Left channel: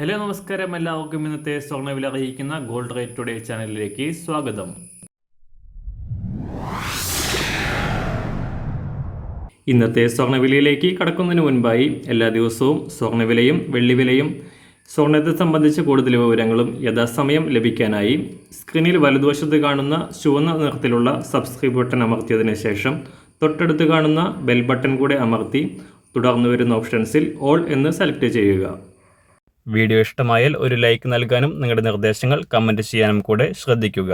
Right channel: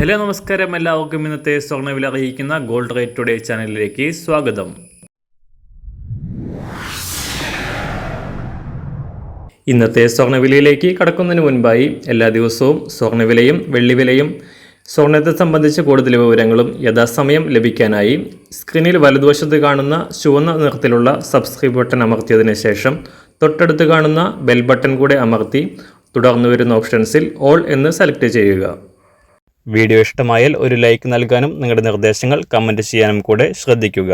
Hello നമസ്കാരം, എല്ലാവർക്കും ഇന്നത്തെ സ്വർണ്ണവില അറിയിക്കുന്ന ഗോൾഡ് റേറ്റ് ടുഡേ ചാനലിലേക്ക് സ്വാഗതം. ഇന്നത്തെ സ്വർണ്ണവിലയിലേക്ക് കടക്കുന്നതിന് മുൻപായി എല്ലാ ദിവസവും സ്വർണ്ണവിലയും വെള്ളിവിലയും സ്വർണ്ണത്തെ സംബന്ധിച്ച് കൂടുതൽ വിവരങ്ങളും യഥാസമയം ലഭിക്കാനായി സ്ക്രീനിൽ വലതുവശത്ത് കാണുന്ന ചുവന്ന നിറത്തിലുള്ള സബ്സ്ക്രൈബ് ബട്ടൺ അമർത്തിയതിനു ശേഷം തൊട്ടടുത്ത് കാണുന്ന ബെൽ ബട്ടൺ കൂടെ അമർത്തി തുടർന്ന് വരുന്ന ഓപ്ഷൻസിൽ ഓൾ എന്ന് സെലക്ട് ചെയ്യുക. വീഡിയോ ഇഷ്ടമായാൽ ഒരു ലൈക്ക് നൽകാനും നിങ്ങളുടെ നിർദ്ദേശങ്ങൾ കമൻറ്റ് ചെയ്യാനും കൂടെ ശ്രദ്ധിക്കുക.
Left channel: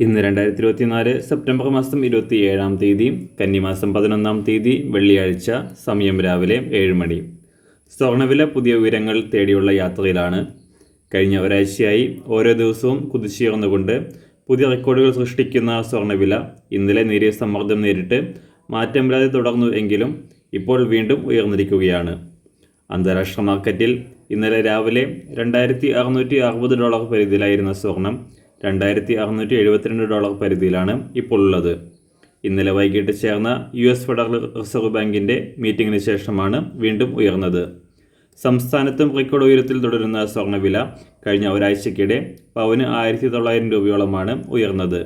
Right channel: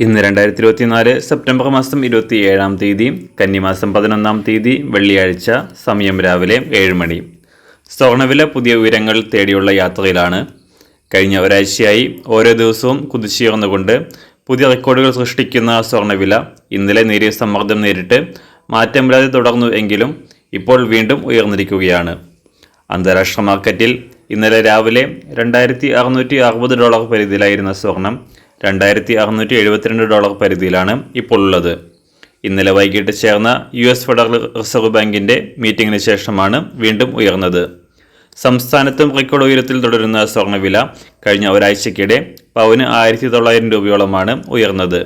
ഇന്ന് 2024 സെപ്റ്റംബർ മാസം 27-ാം തീയതി, കന്നിമാസം 11-ാം തീയതി, വെള്ളിയാഴ്ച. സമയം രാവിലെ 7 മണി. സ്വർണ്ണവില പുതിയ ഉയരങ്ങൾ തേടിയുള്ള യാത്രയിലാണ്. കഴിഞ്ഞ ഒരാഴ്ചയായി ഓരോ ദിവസവും കുതിച്ചുയർന്നുകൊണ്ട് പുതിയ റെക്കോർഡുകൾ സൃഷ്ടിക്കുന്ന സ്വർണ്ണവില ഇന്നലെ നേരിയ സമ്മർദ്ദം നേരിട്ട് മാറ്റമില്ലാതെ തുടർന്നു എങ്കിലും ഇപ്പോൾ വീണ്ടും ഉയർന്നിരിക്കുകയാണ്. അന്താരാഷ്ട്ര മാർക്കറ്റിൽ ഇന്നലെ രാവിലെ $2,660 പരിധിയിലായിരുന്ന സ്വർണം $2,672 പരിധിയിലാണ് ഇപ്പോൾ ഉള്ളത്. ഇന്നലെ വൈകിട്ട് ചേർന്ന US ഫെഡറൽ റിസർവ് ബാങ്കിൻ്റെ മീറ്റിംഗിന് ശേഷമാണ് വീണ്ടും ഉയർന്നത്. സംസ്ഥാനത്തും റെക്കോർഡ് ഉയരത്തിൽ തുടരുന്ന സ്വർണ്ണവില കഴിഞ്ഞ ഒരാഴ്ചയ്ക്കിടെ പവന് 1,900 രൂപയോളമാണ് ഉയർന്നത്.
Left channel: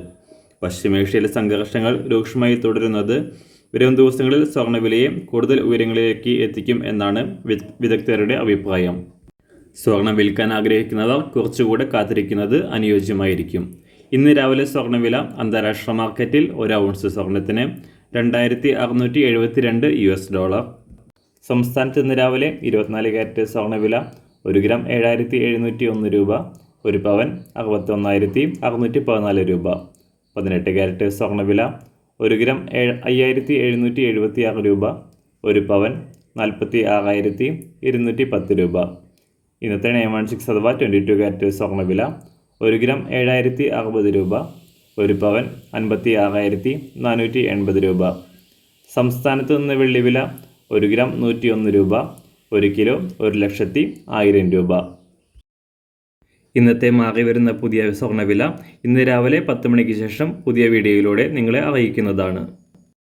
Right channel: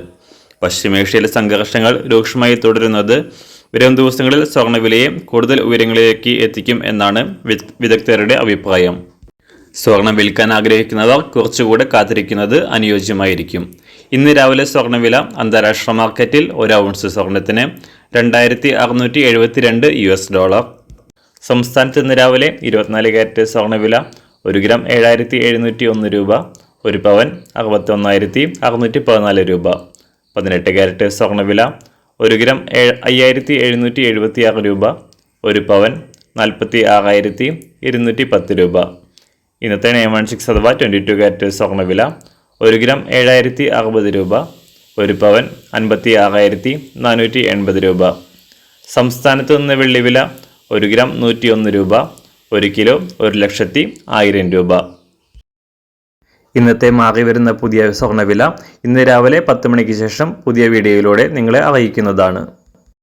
പശ്ചിമേഷ്യയിലെ സംഘർഷങ്ങൾ രൂക്ഷമായി തുടരുന്നത് വരും ദിവസങ്ങളിൽ സ്വർണ്ണവിലയെ കൂടുതൽ ഉയരങ്ങളിലേക്ക് എത്തിക്കും എന്നാണ് വിദഗ്ധരുടെ അഭിപ്രായം. സ്വർണം വിൽക്കാൻ ആഗ്രഹിക്കുന്നവർ കുറച്ചുകൂടെ കാത്തിരിക്കുന്നത് അനുയോജ്യമായിരിക്കും. ഇന്ന് രാവിലെ സ്വർണ്ണവില അന്താരാഷ്ട്ര മാർക്കറ്റിൽ 1 ഔൺസ് സ്വർണത്തിന് $2,672. സംസ്ഥാനത്ത് ഇന്ന് രാവിലെ 24 കാരറ്റ് സ്വർണ്ണവില 1 ഗ്രാം 7,701 രൂപ, 1 പവൻ 61,614 രൂപ. 18 കാരറ്റ് സ്വർണ്ണവില 1 ഗ്രാം 5,776 രൂപ, 1 പവൻ 46,210 രൂപ. ഇന്നത്തെ 916 അഥവാ 22 കാരറ്റ് സ്വർണ്ണവില 1 ഗ്രാം 7,060 രൂപ, 1 പവൻ 56,480 രൂപ. സംസ്ഥാനത്ത് നിന്ന് വെള്ളിവില 1 ഗ്രാം 101 രൂപ, 1 കിലോ 1,10,000 രൂപ. ഇന്നത്തെ മാറി വരുന്ന പുതിയ സ്വർണ്ണവില ഇന്ന് രാവിലെ 10 മണിക്ക് ശേഷം പുതിയ വീഡിയോയിലൂടെ നിങ്ങളെ അറിയിക്കുന്നതാണ്.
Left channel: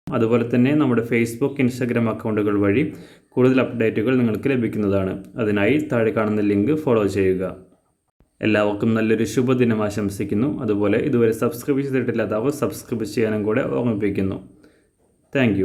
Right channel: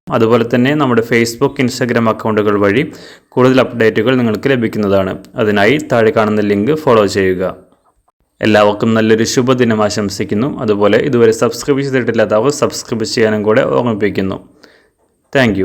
അതുപോലെ തന്നെ നമ്മുടെ ഫേസ്ബുക്ക്, ഇൻസ്റ്റാഗ്രാം അക്കൗണ്ടുകൾ വഴി കൂടുതൽ അപ്ഡേറ്റുകൾ നിങ്ങൾക്ക് ലഭിക്കുന്നതാണ്. അതിനായി താഴെ കാണുന്ന ലിങ്ക് ഫോളോ ചെയ്യുക. എല്ലാവർക്കും നല്ലൊരു ശുഭദിനം ആശംസിക്കുന്നു. അതുപോലെ ഇതുവരെ സബ്സ്ക്രൈബ് ചെയ്തിട്ടില്ലാത്തവർ സബ്സ്ക്രൈബ് ചെയ്യാനും കൂടെ ഓർമ്മിപ്പിക്കുന്നു. താങ്ക്